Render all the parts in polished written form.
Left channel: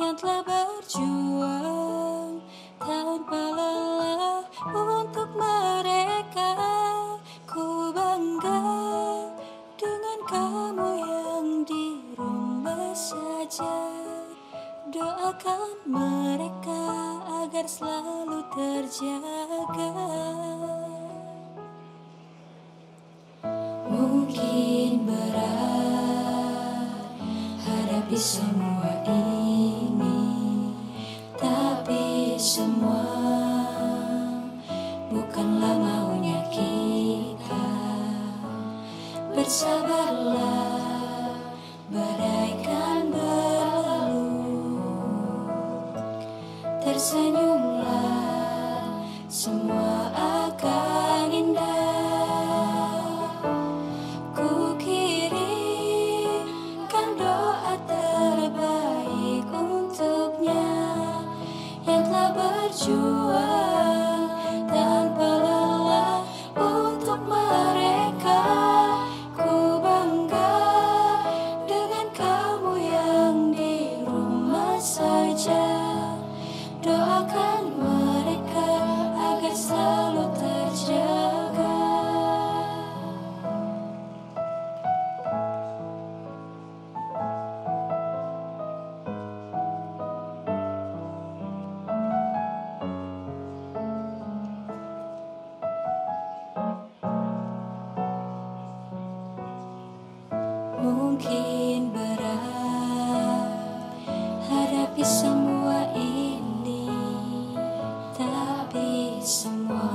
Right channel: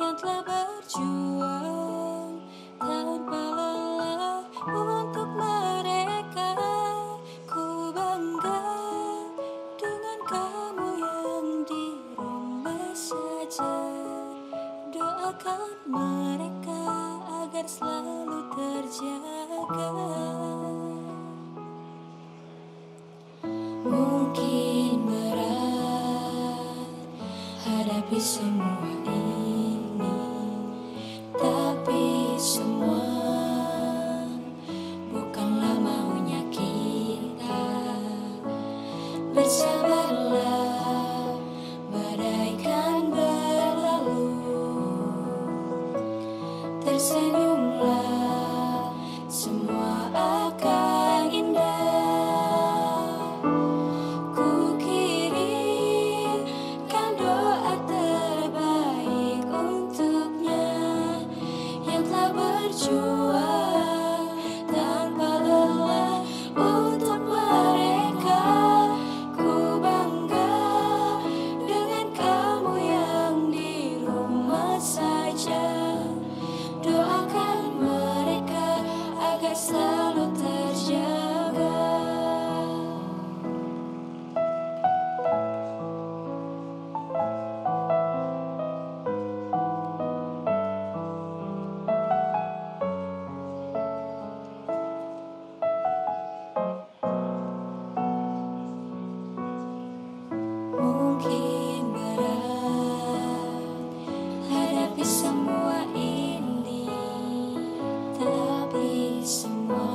yang telah berjuang tanpa lelah untuk mereka. Ku bangga dengan kamu yang di rumah saja. Doakan mereka agar selalu terjaga. Mungkin berat hadapi semua ini, tapi semua bukanlah maunya kita. Bersabarlah, badai kan berlalu. Tersenyumlah, semua akan indah. Ku kirimkan doa terbaik untuknya yang telah berjuang tanpa lelah untuk mereka. Ku bangga dengan kamu yang di rumah saja. Doakan mereka agar selalu terjaga. Mungkin berat hadapi semua ini, tapi semua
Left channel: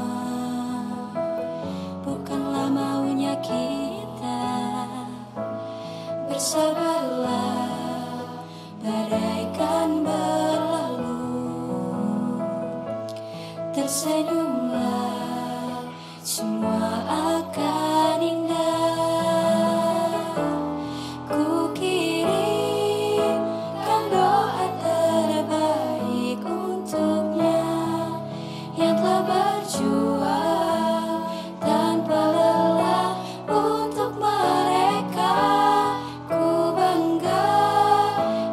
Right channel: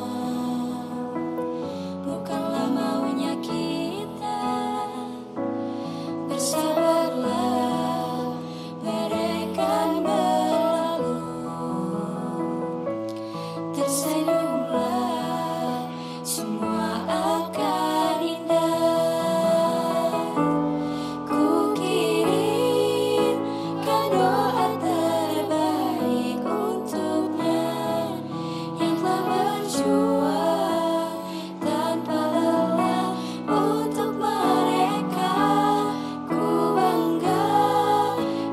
bukanlah maunya kita. Bersabarlah, badai kan berlalu. Tersenyumlah, semua akan indah. Ku kirimkan doa terbaik untuknya yang telah berjuang tanpa lelah untuk mereka. Ku bangga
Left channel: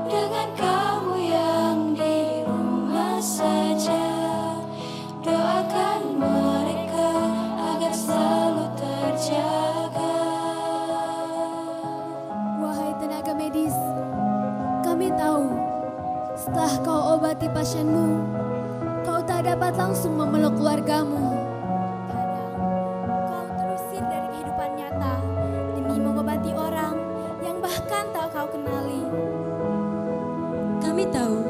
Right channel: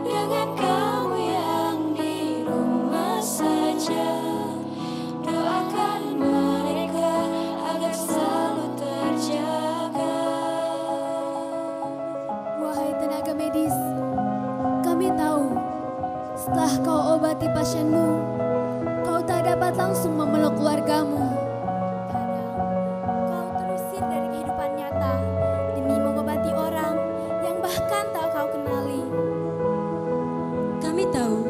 dengan kamu yang di rumah saja. Doakan mereka agar selalu terjaga. Wahai tenaga medis, kami tahu setelah kau obati pasienmu, kau tak dapat langsung memeluk keluargamu. Kadang kau terusir dari kehidupan nyata demi mengobati orang yang bahkan tak kau kenali. Kami tahu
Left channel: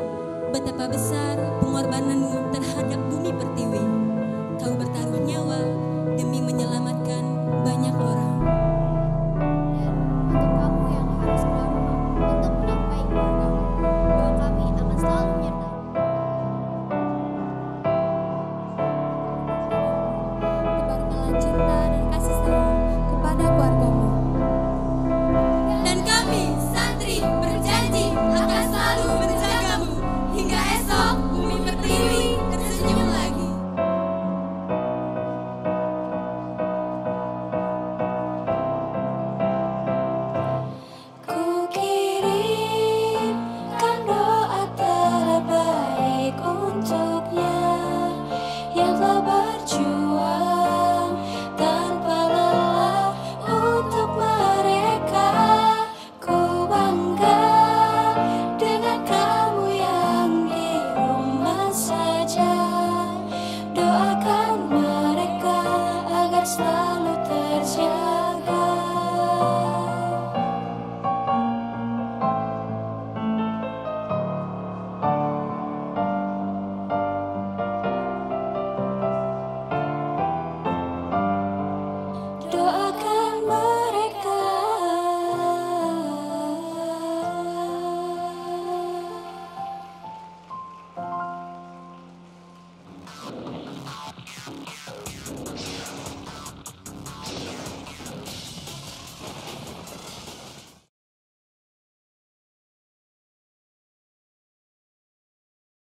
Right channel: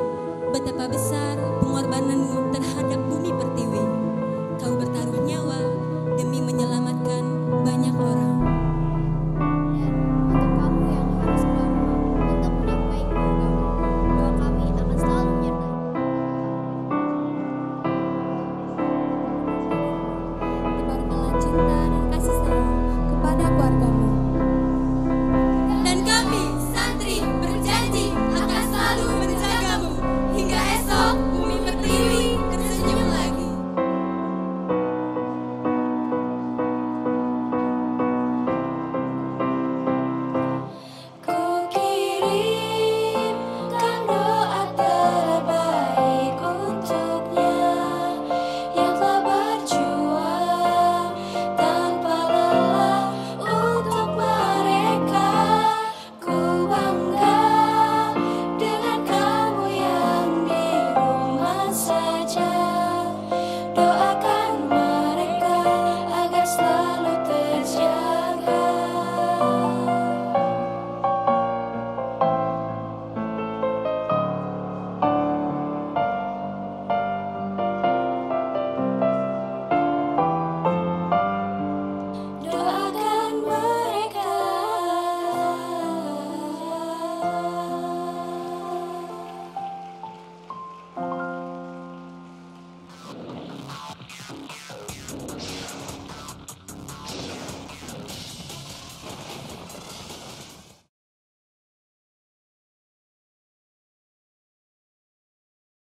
betapa besar pengorbananmu terhadap bumi pertiwi.